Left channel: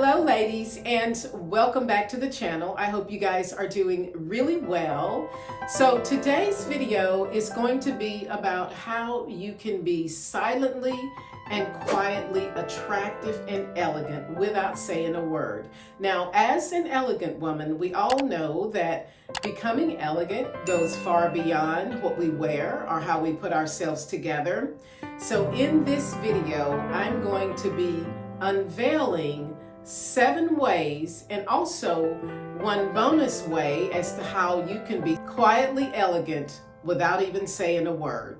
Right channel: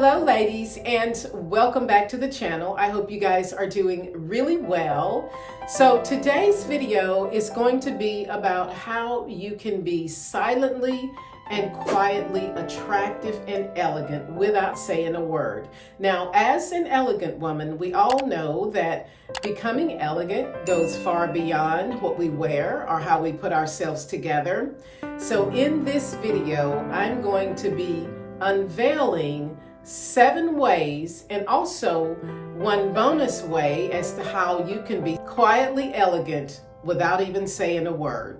Hello ladies, and welcome back to the channel. I hope you guys are doing really well. So today's video is going to be about how you can be silently and quietly attractive and elegant without saying a word. Now, as an elegant woman, we all know that becoming elegant goes far beyond what we wear or how we put ourselves together. So in this video, I'm going to be unveiling 7 ways and also one bonus way as to how you can be quietly elegant without even saying a word.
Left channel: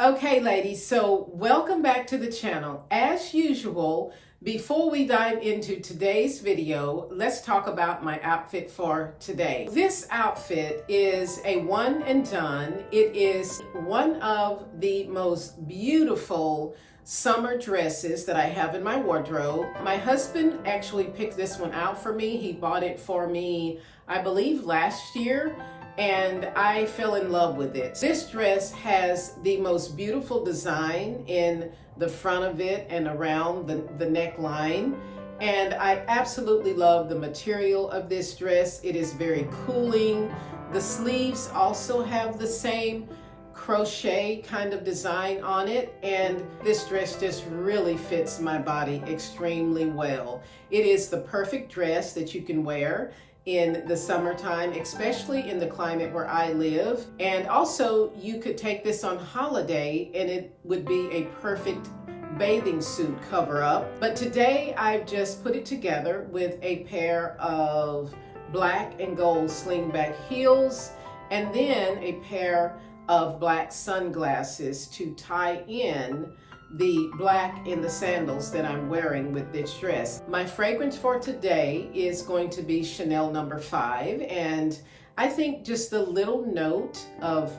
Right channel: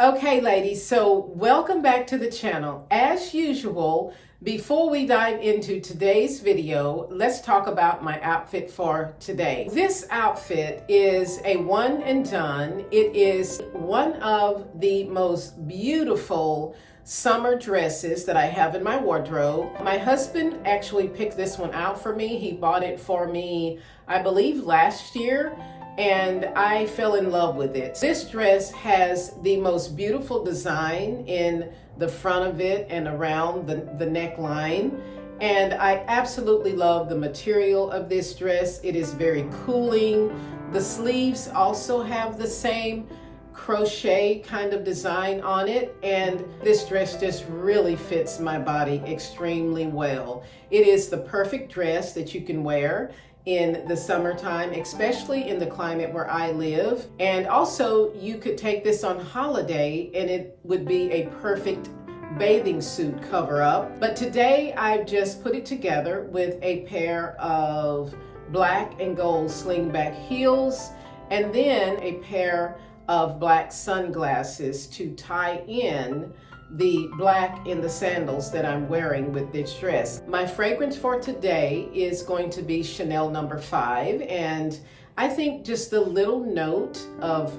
Okay, ladies, so welcome back to the channel. As usual, before we dive into today's video, let's talk about my outfit for today. This outfit is a one and done. It is one of the most beautiful summer dresses that I have in my wardrobe. My husband actually picked this one out for me. He bought it for me, I believe, last year. And I fell in love with it. This dress has the most beautiful design in the front of it and around the neckline. And I absolutely love the material of this dress. It is very cooling. The sleeves also have the same crochet kind of design on it. And this dress just really fits my body extremely well. It is the perfect dress that you can wear in the summertime, especially in the climate where I live. And also you could take this on holiday and it would be a perfect bathing suit cover up. But today I've just put it together with a pair of black and gold slingback heels and then a pair of black sunglasses to tie in the black in the sandals that I'm wearing with this dress. My fragrance for today is going to be Chanel No. 5, and I think just a little note of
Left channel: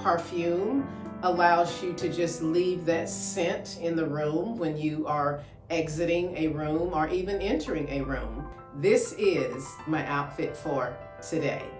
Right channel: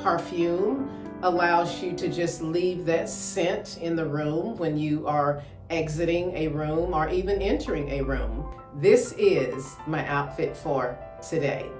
perfume allows you to just leave that scent in the room when you are exiting a room or even entering a room. This is my outfit for today.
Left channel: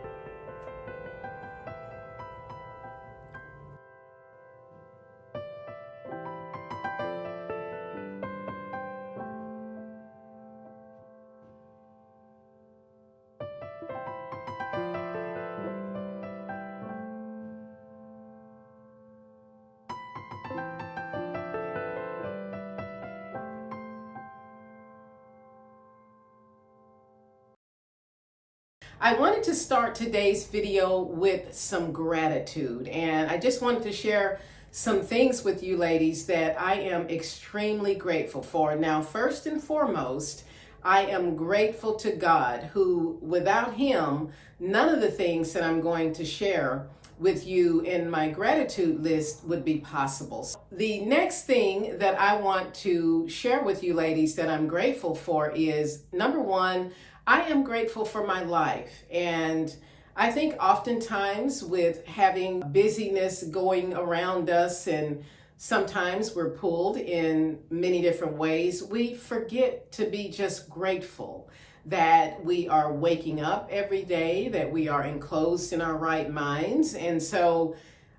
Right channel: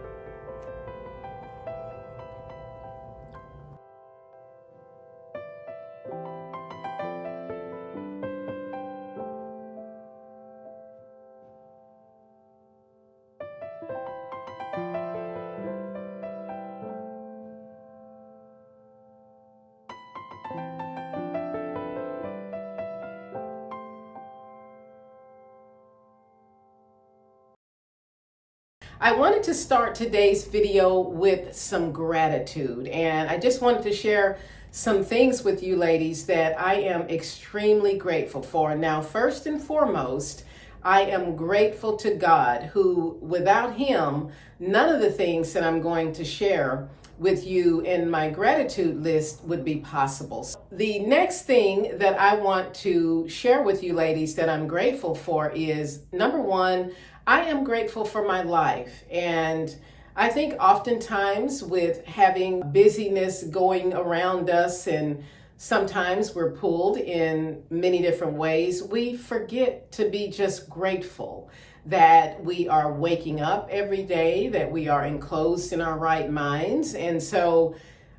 I wanted to start today's video with some gratitude, and I just wanted to share some things with you ladies that I am extremely grateful for. Now, first and foremost, I am grateful to God, who without him, none of the things that I'm going to share with you in my gratitude list would be possible. The next thing that I want to share with you ladies that I'm grateful for is, number one, I am grateful for my life. And I think oftentimes with having busyness going around us and sometimes we're pulled in many different ways, we forget to be just grateful that we are waking up every day, that we are enclosed in our right minds. And so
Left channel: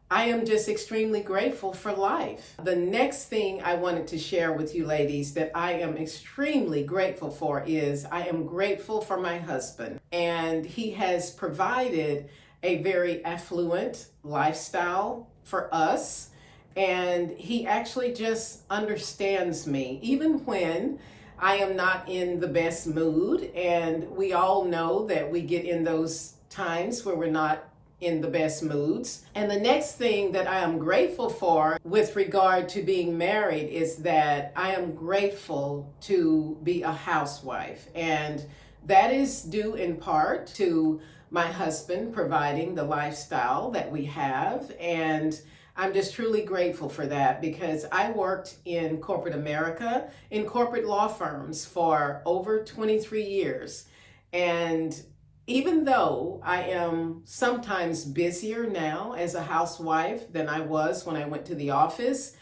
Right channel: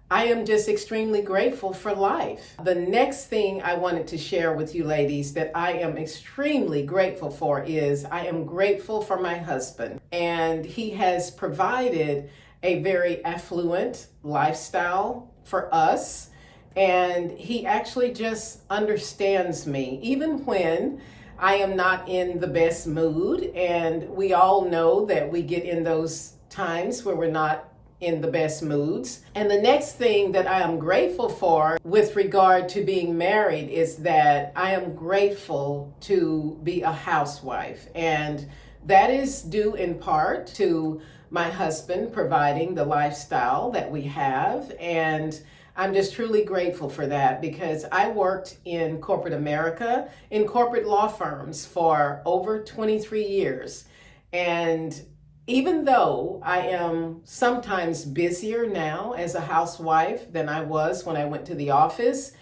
I am just extremely grateful for life. The next thing I wanted to share with you ladies that I am extremely grateful for is I am grateful for my husband. And he has provided a very affluent lifestyle for us. And he actually just understands me, even when I am not in the best mood. And we all know that we get in those times where we're not in the best moods. And the next thing that I am grateful for with regard to being married is that I am grateful to be a housewife. And that is due in part to my husband providing the lifestyle that we have. And I'm just truly grateful for that because I worked in corporate America, in corporate law firms for over 23 years. And even though I am sometimes busier now as a housewife than I was when I went to the office,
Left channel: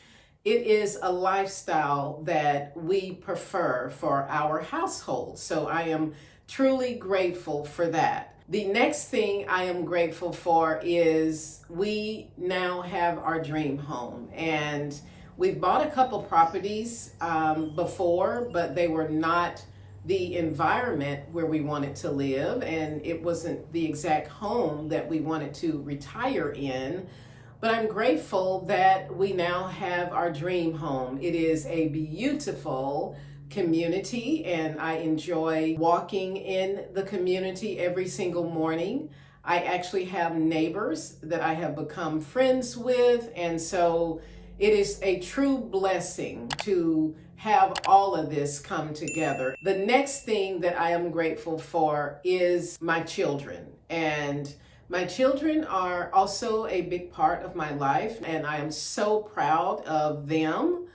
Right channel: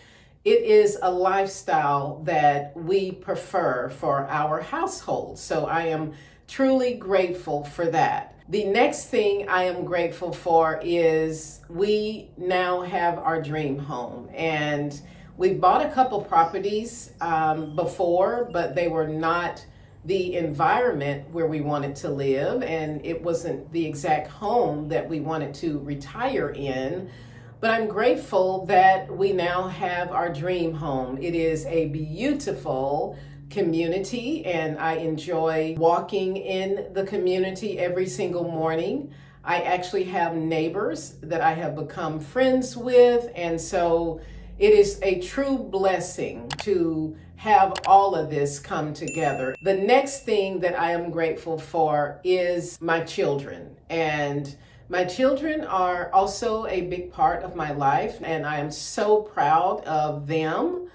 it is a lifestyle that we prefer for our household. So I am truly grateful for that. The next thing I am grateful for is we now have our dream home. And we've bought a couple properties before, but they were not the environment where we wanted to live. And it wasn't the exact home that we wanted to retire in. But I'm grateful that we now have our dream home. It is a beautiful community, and I enjoy walking in the community every single morning. I actually have neighbors that I have become friends with, and so it is a true blessing to have all of this come together. The next thing that I am grateful for is my children, and my children are also a big part of my life, and I am so proud of them.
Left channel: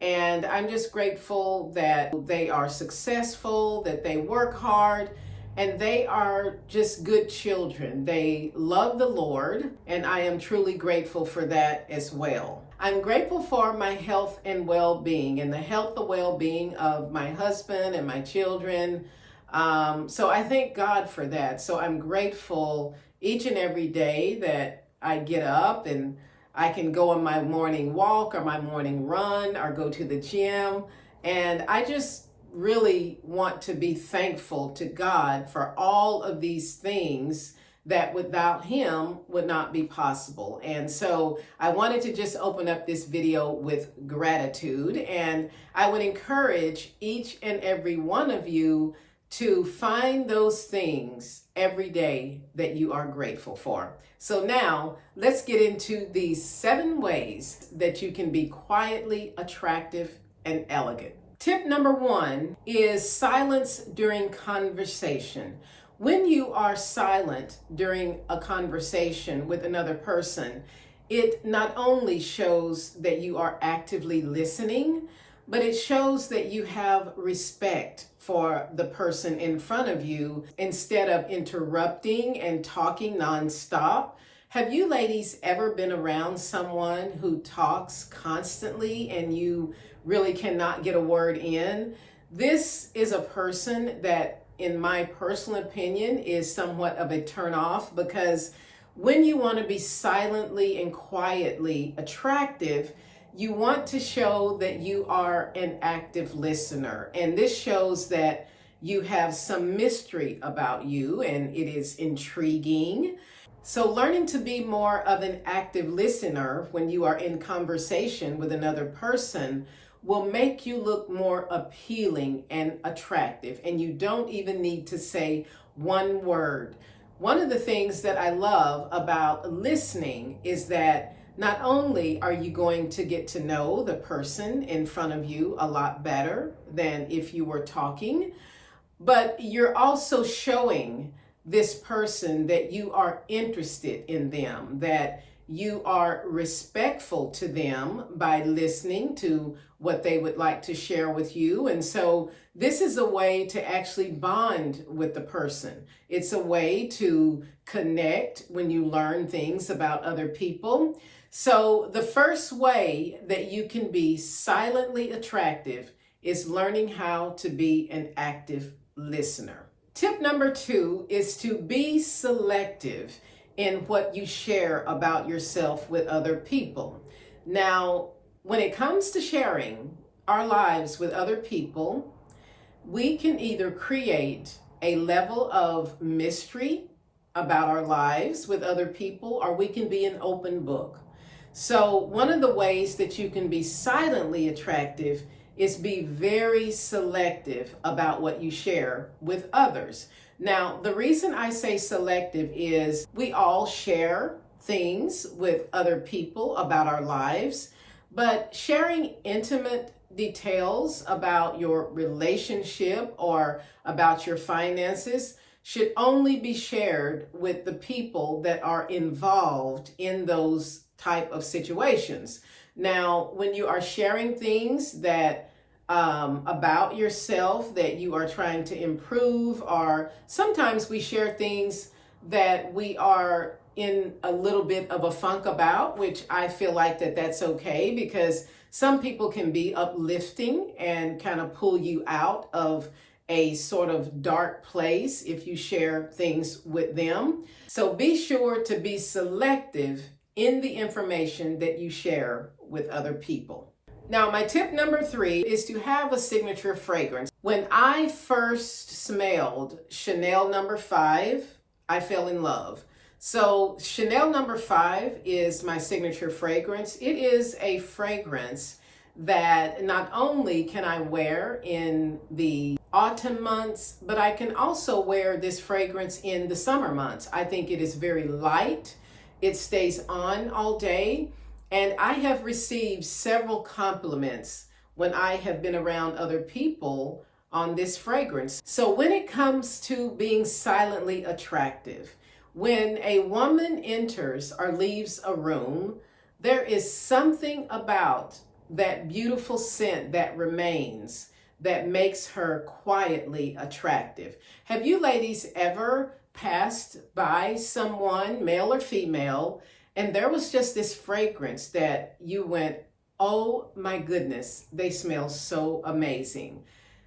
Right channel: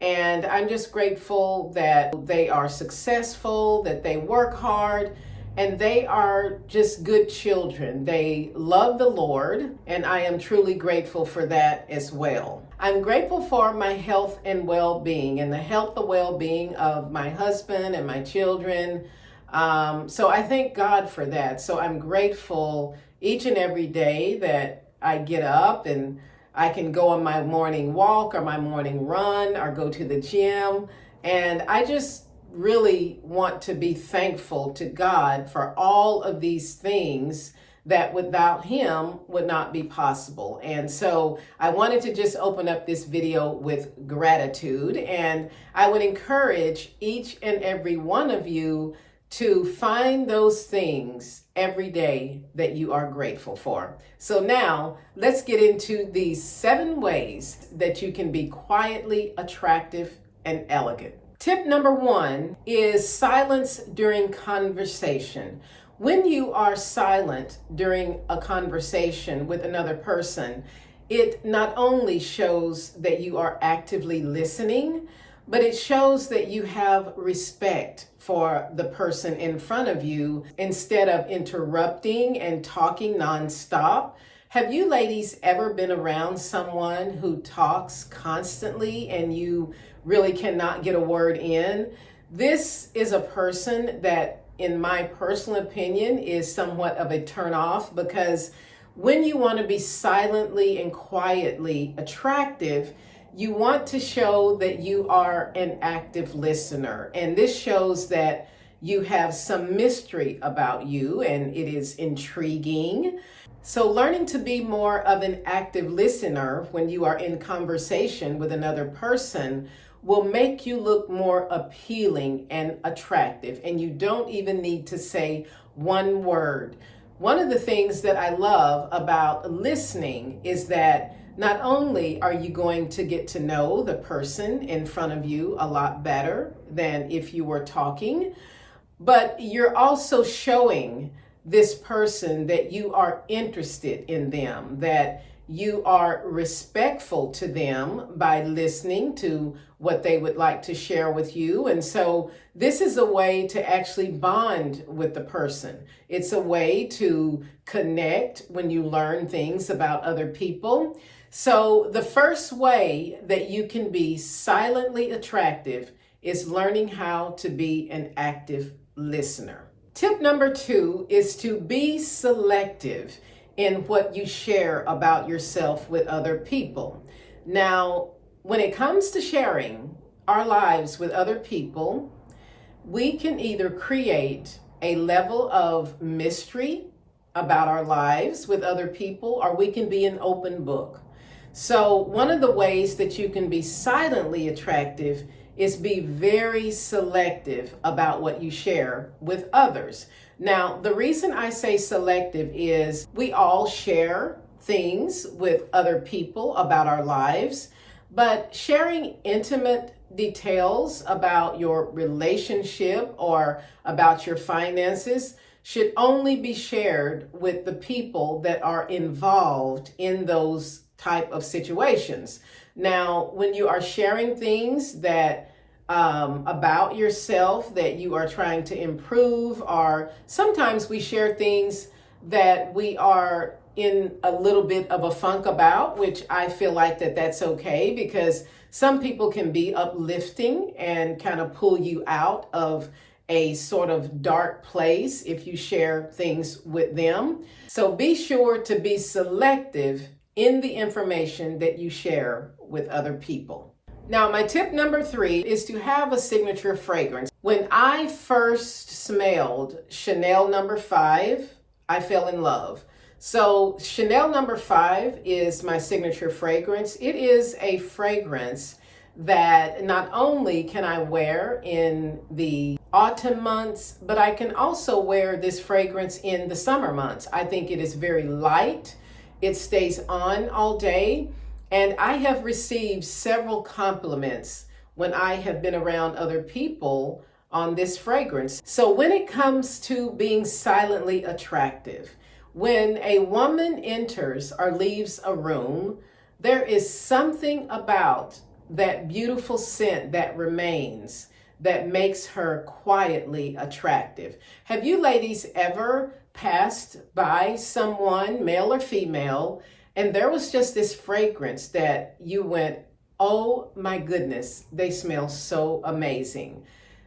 And I'm just grateful that they are successful, that they work hard, and they are just good children. They love the Lord, and I am truly grateful for that as well. I'm grateful for my health and well-being, and the health and well-being of my husband and my children. So I thank God for that. So I'm grateful each and every day that I get up and I can go on my morning walk or my morning run or go to the gym. And I just really want to be thankful to God for all of these things that without Him would not be possible. And so I wanted to just open up this video with gratitude. And I would encourage each and every one of you to find those things every day that you are grateful for. So now let's get into these 7 ways that you can be quietly attractive and elegant. Tip number 1 is silence during conversation. When you are silent during a conversation with another person, it not only shows that you are actively listening, but it shows that you have respect for the person in front of you instead of interrupting and talking nonstop. Have you ladies ever been around someone who talks constantly and you really cannot get a word in? This is a person that, in my personal opinion, is somewhat of a turnoff, because when you want to be silently and quietly attractive, you want to show that you are an active listener. And this shows that you have some mystery about you and it is intriguing. So learning to be more of an active listener when you are in conversation with another person will make you look more appealing and attractive. And you don't even need to say one word. One of the things that I love about listening is that not only are you going to get to know the person in front of you a lot better than if you were talking, but you're also showing this person that you are interested in them, that you are respectful to them by listening to what they would like to share with you. And so this is a way to actually bond with the person. It's a way to connect when you learn things about other people. So the first way that you can be silently attractive is learning how to be an active listener. Tip number 2 is to be selective in what you share about yourself with other people. Now, when it comes to sharing our lives with other people, we can either create a level of mystery about our lives with other people, or we can be an open book. So one of the ways that you can be silently attractive is be very selective about what you share with others. Now, the reason I say selective is we all share things with other people about our lives, but sharing intimate details about your relationship or about your finances should only be shared with the people that are involved in those type of situations. Now, when you are sharing things that about yourself that you are trying to improve, or sometimes we share things that we are in a little bit of a funk about, which I feel like that's okay, because some people can be uplifting and kind of pull you out of a sort of dark place if you share things with them. So be sure to be selective in the information that you share with other people. Now, my tip number 3 is to have a signature fragrance. When I first smelled Chanel number 5, I fell in love. So Chanel number 5 is my signature fragrance. It is a fragrance that not only can I wear in the autumn months, but I can also wear this fragrance in the summer months. I think it is very light. It stays on all day. And I have received several compliments when I have been around other people on this fragrance. So when it comes to being silently attractive, when a woman enters or leaves a room, there is something about that beautiful scent that remains that makes her quietly attractive. Have you ladies ever passed by someone, male or female, and there was just this fragrance that you went, oh my goodness, they smell so amazing.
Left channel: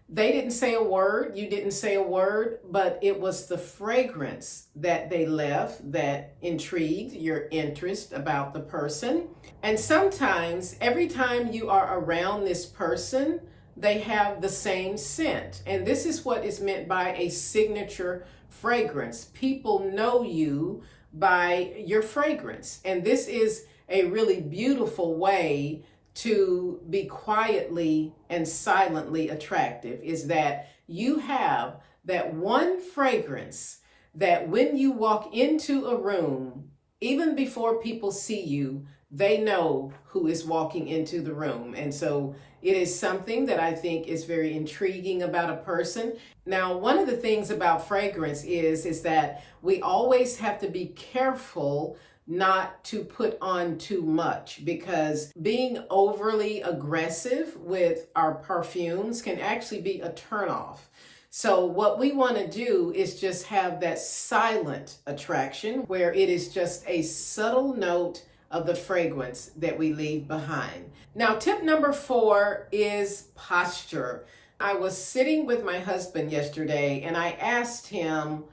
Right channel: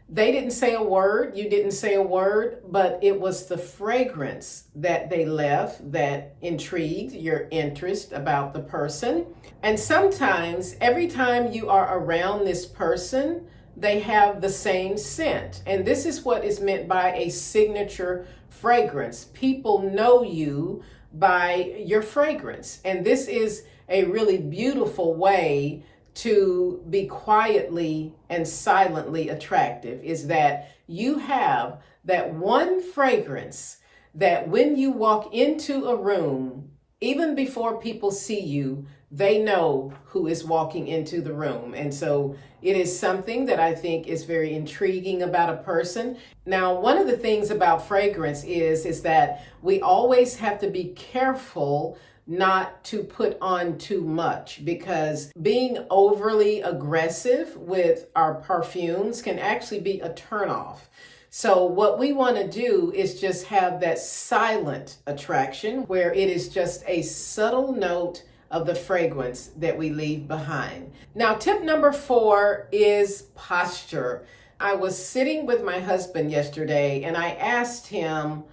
They didn't say a word, you didn't say a word, but it was the fragrance that they left that intrigued your interest about the person. And sometimes, every time you are around this person, they have the same scent. And this is what is meant by a signature fragrance. People know you by your fragrance. And this is a really beautiful way to be quietly and silently attractive, is that you have that one fragrance that when you walk into a room, even before people see you, they know who is walking into the room. And so it is something that I think is very intriguing about a person. Now, one of the things about fragrance is that we always have to be careful not to put on too much, because being overly aggressive with our perfumes can actually be a turnoff. So what we want to do is just have that silent attraction where it is just a subtle note of the fragrance that we leave behind. Now, tip number 4 is posture. I was sitting with my husband yesterday and I asked him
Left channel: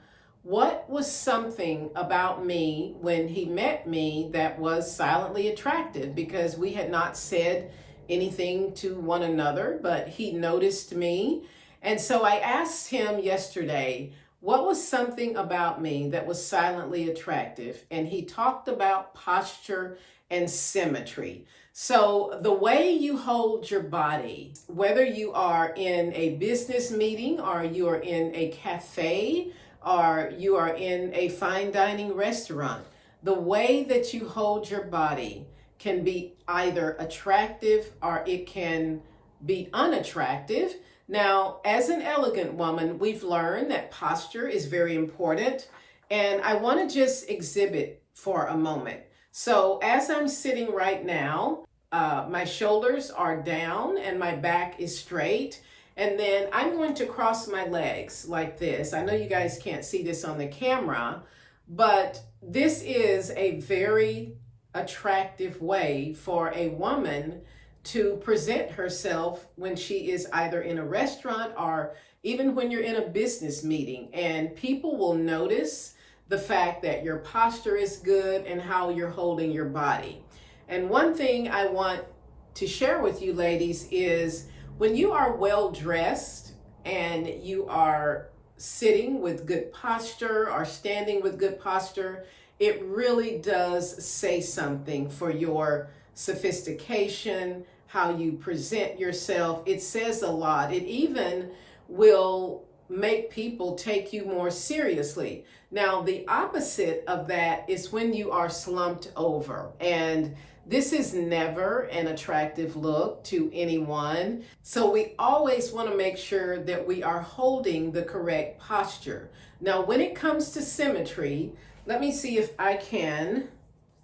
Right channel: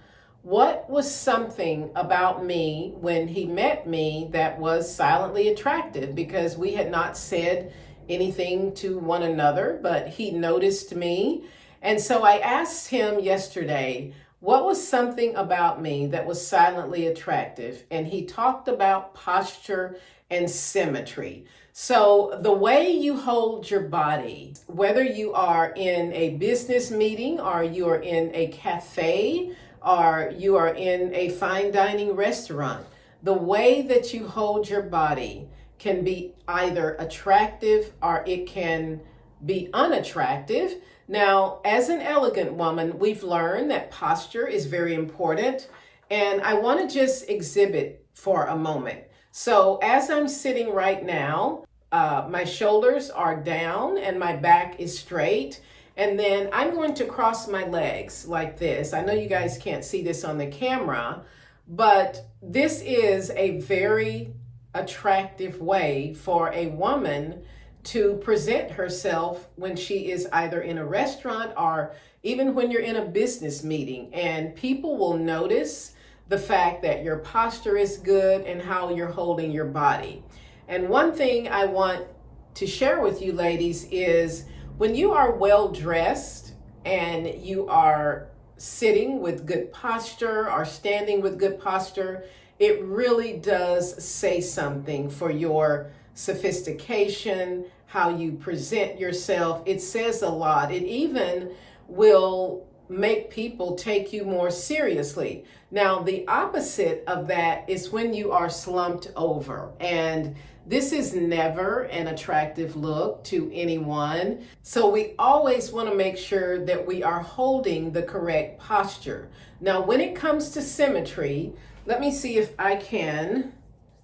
what was something about me when he met me that was silently attractive, because we had not said anything to one another, but he noticed me. And so I asked him yesterday, what was something about me that was silently attractive? And he talked about posture and symmetry. So the way you hold your body, whether you are in a business meeting or you are in a cafe or you are in a fine dining restaurant, the way that you hold your body can be either attractive or it can be unattractive. Now, as an elegant woman, we've learned that posture is very important, and I want to just exhibit for a moment. So as I'm sitting right now, my shoulders are down and my back is straight. And then I'm going to cross my legs like this. I know you guys can't see this on the camera, but this is a very attractive way for a woman to present herself when she is either in a restaurant or even when you're in a business meeting. And people will notice the fact that your posture is good and how you're holding your body. And one thing I want to share with you ladies is when you are well dressed and you are sitting with good posture or standing with good posture, it really does say something for your sophistication, how you present yourself. It says a lot. It even will make people take you more seriously. Now, the opposite of that is when you are slumped over, and this is never an attractive look to anyone. So we always want to make sure that we are holding the correct posture. Now, when it comes to symmetry, let me see if I can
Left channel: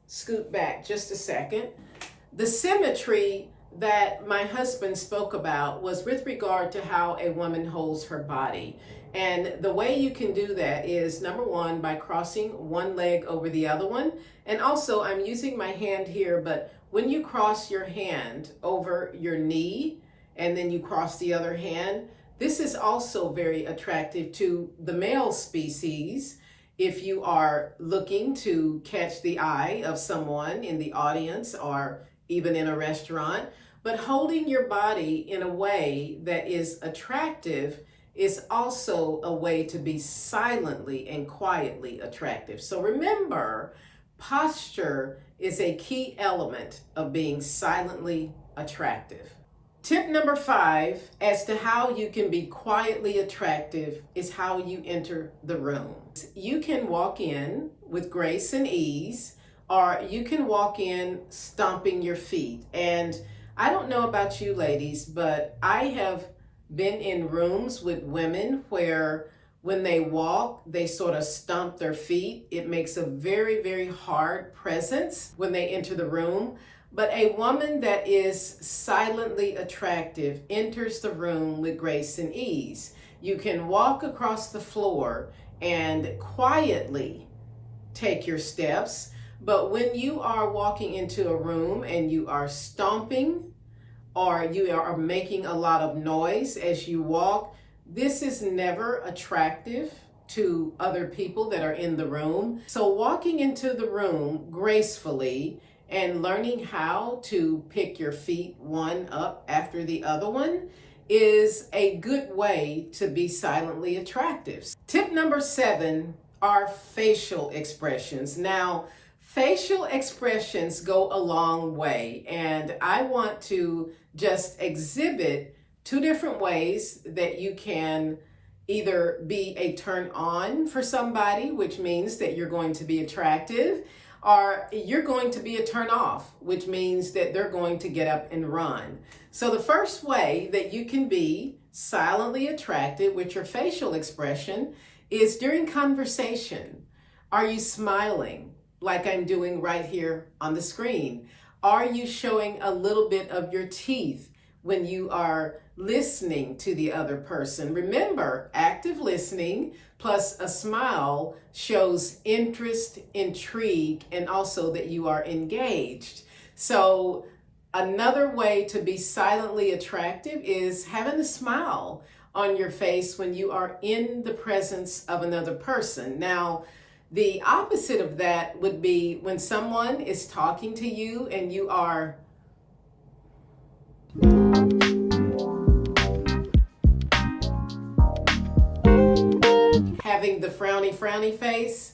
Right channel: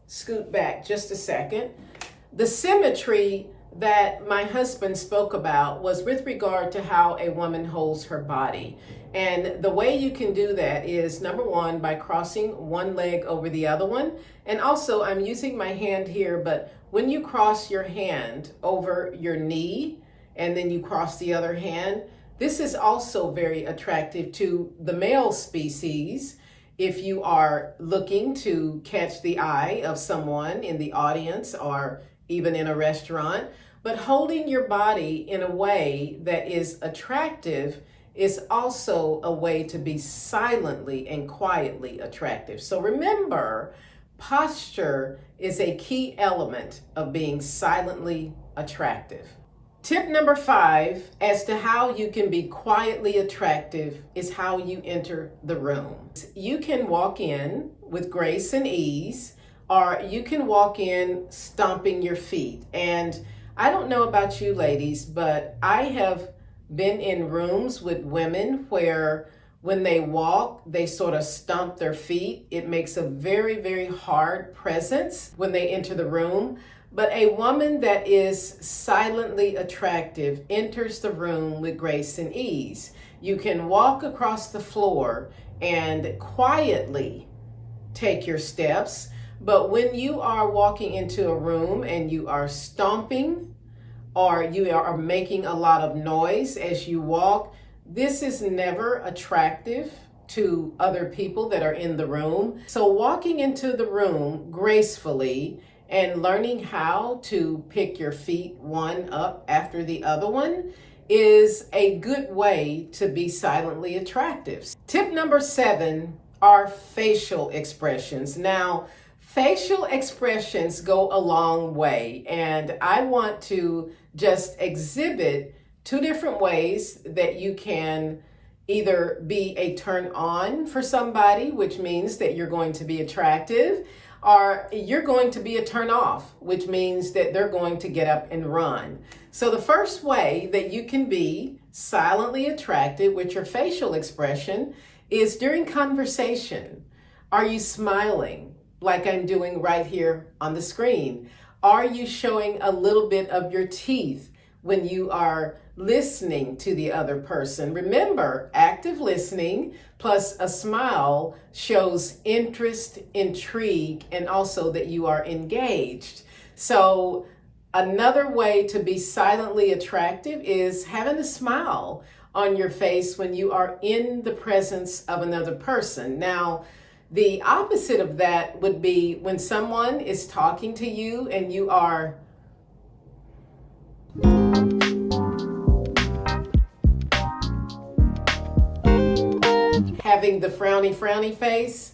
scoot back just a second. The symmetry that my husband spoke about was with regard to how a woman holds her body. And the way you can do that is, number one, by crossing one leg over the other one. And also, I'm using my hand here, but when you cross your hand over your knee and then you cross the other hand, This is also very attractive to the male species if you are looking to catch the eye of someone in the audience or even in a restaurant. But holding your body in a way that is attractive is also a way to be silently and quietly attractive. So remember, posture is a key element of being silently attractive. Tip number 5 as to how you can be quietly attractive is how you enter the room. You can walk in with grace and ease, or you can walk in stomping your feet. And I don't know about you ladies, but I have been in rooms with women where when they walk, they sort of stomp their feet. It makes a very, very hard presence when they enter the room. But a woman that is silently attractive enters the room with grace and ease. You can walk across the floor and quietly take your steps. But when you are walking into a room and you are stomping or you are making a lot of noise as you walk, this is never attractive to other people that are in the room. So walking into the room gracefully and learning how to pick your feet one up after the other one is a good way to be silently attractive. Tip number 7 are facial expressions. Now, facial expressions go a long way, and I want to just exhibit 2 different ways that you can either be a turn on for somebody, which means that you're going to be attractive, or you're going to be a turn off, which means that they're going to get up and run. So the first way that you can be silently attractive with your facial expression is during conversation. Are you smiling like I'm doing right here on the screen? Are you showing a little bit of your teeth when you are listening to the other person? Remember, active listening plus a smile shows interest, intrigue, and also that you are engaged. So another way to be silently attractive is having a smile on your face when you are in the presence of another person. Now, the opposite of that would be when someone is talking to you and you are having the frowny face.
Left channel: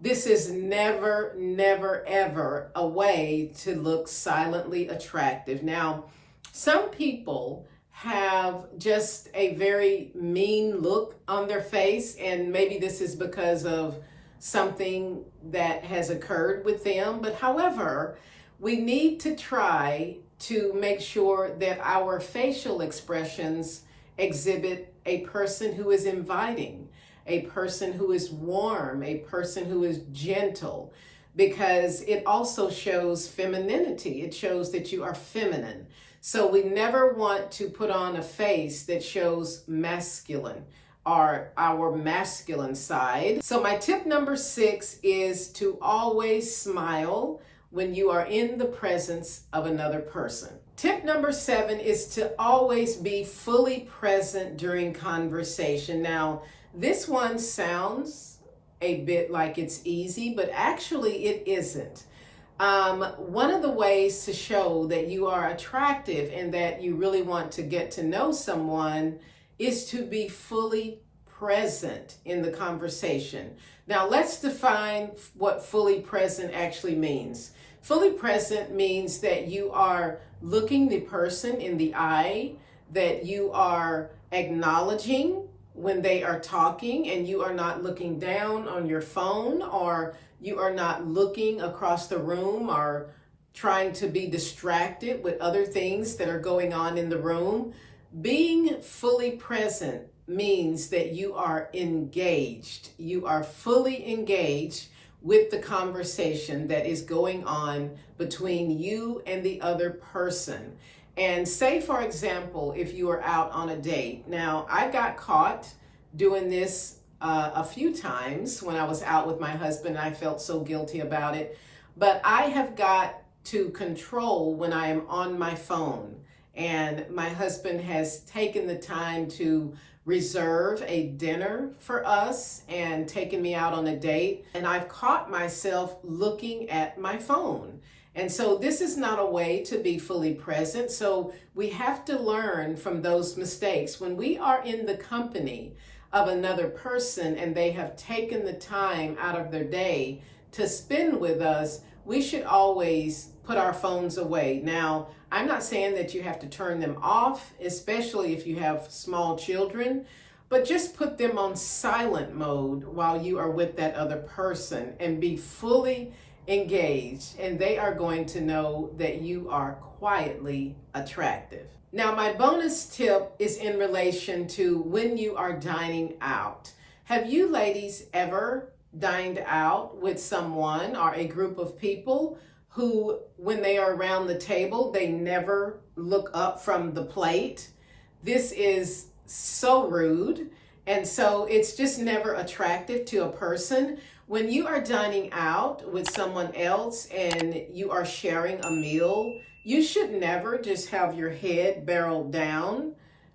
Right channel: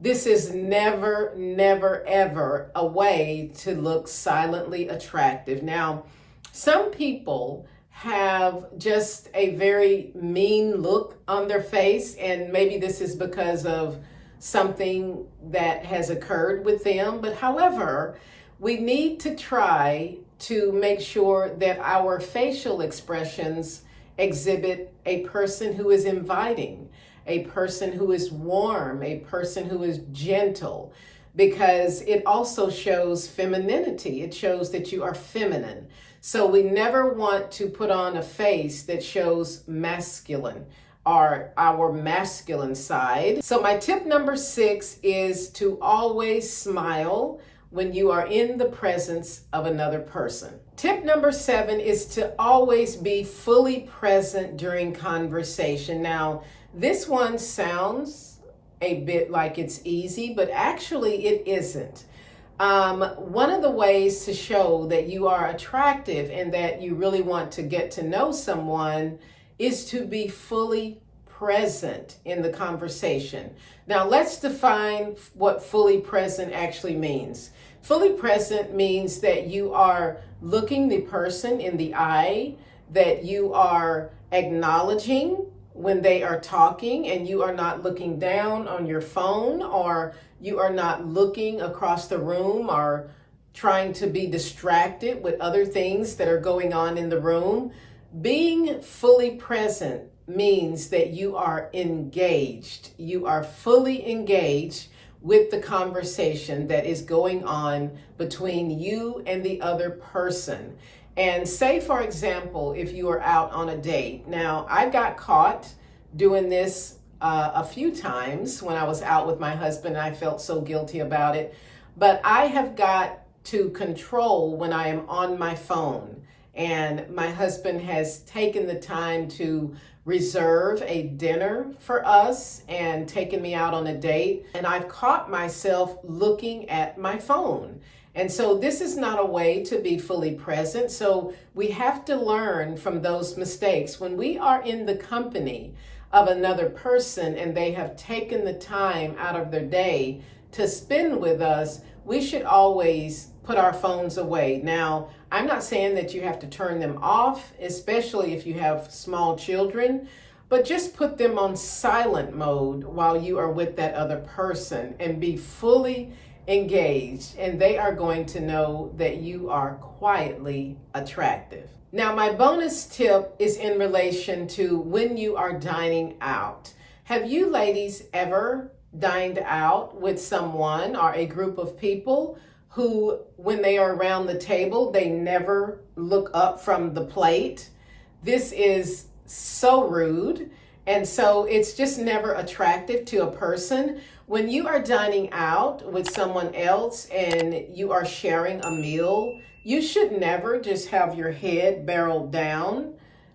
This is never, never, ever a way to look silently attractive. Now, some people have just a very mean look on their face, and maybe this is because of something that has occurred with them. But however, we need to try to make sure that our facial expressions exhibit a person who is inviting, a person who is warm, a person who is gentle, because it also shows femininity. It shows that you are feminine. So we never want to put on a face that shows masculine or our masculine side. So my tip number 6 is to always smile when you are in the presence of another person. Tip number 7 is to always be fully present during conversation. Now, this one sounds a bit like it's easy, but actually it isn't. One of the ways to show that you are attractive and that you really want to get to know someone is to be fully present in the conversation. Now, let's define what fully present actually means. Fully present means that you are looking the person in the eye, that you are acknowledging when they are talking, and you are not looking down on your phone, or you are not looking across the room or trying to be distracted with other things that are going on in the room. Being fully present means that you are engaged. You are fully engaged with the conversation that is going on between you and the other person. And say, for example, if you are out on a date. Now, I got caught doing this a few times when I was out with my husband, and I felt so guilty about it. But I have got to control when I am on my phone And my husband has taken the time to reserve a dinner for us and taken me out on a date. And I've caught myself looking at my phone. And so this is not a way to be fully present. So we have to learn from those mistakes. When we are in the company of another person and they have taken the time out of their day to spend with us, we should always put our phones away. Now, I'm not saying that you have to turn them off, especially if you have small children, but just put them on silent mode while you are with that other person and be fully engaged, and they are going to know that you are quietly attractive. Now, my bonus tip is in relation to when you are dining out. Have you ladies ever dined out with someone or a group of people who, when they are around the table, they never look up from the plate? This is so rude. And so it's just never attractive to a person. When you are dining out with someone else and you are sharing a meal, you should never just have your head barreled down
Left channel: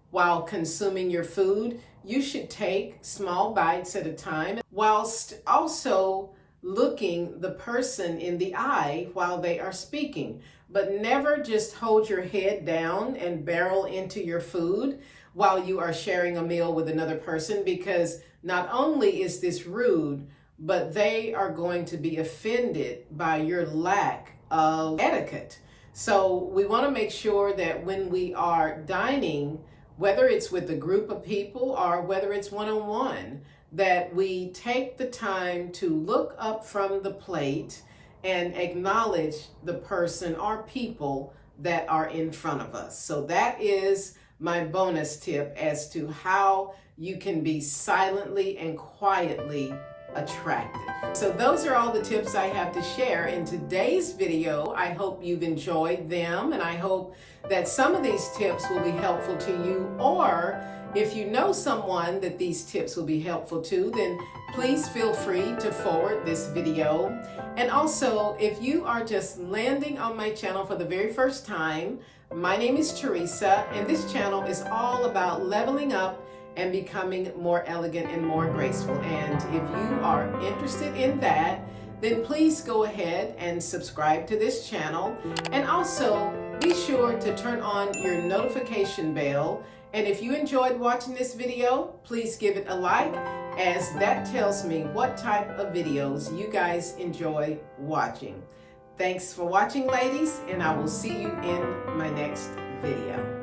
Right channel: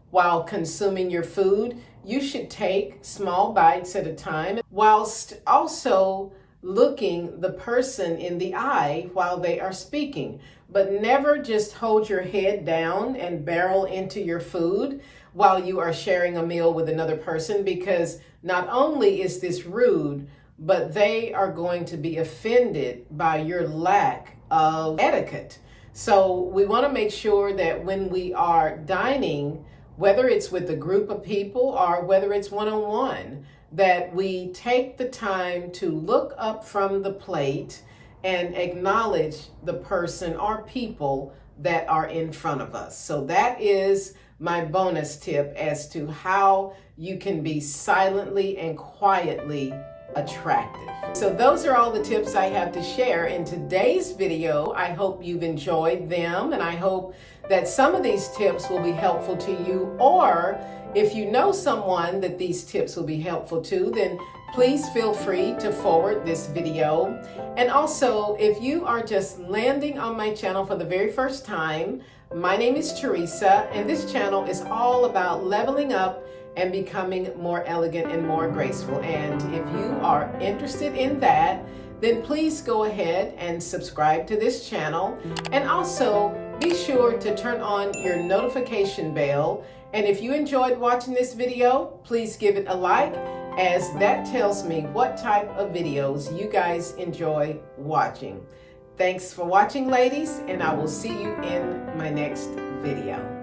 while consuming your food. You should take small bites at a time, whilst also looking the person in the eye while they are speaking. But never just hold your head down and barrel into your food while you are sharing a meal with another person, because not only is this rude, but they are going to be offended by your lack of etiquette. So we want to make sure that when we are dining, whether it's with a group of people or whether it's one-on-one, that we take the time to look up from the plate and acknowledge the person or people that are in front of us. So that is my bonus tip as to how you can be silently and quietly attractive. So those are all the tips I have to share in today's video. I hope you've enjoyed them, and I hope that some of these tips will be helpful to you, or if you know someone that these tips will be helpful to, then please feel free to forward this video. And also, if you are just landing on my channel for the very first time, my name is Teresa, and this channel is all about leveling up and becoming more elegant and more graceful. And if you are interested in that, then please go ahead and subscribe to this channel. And also be sure to turn on your notification bell. And if you enjoyed watching this video, please give it a like, as that tells me what type of videos you guys enjoy watching. Thanks for watching, ladies, and I will see you in my next video.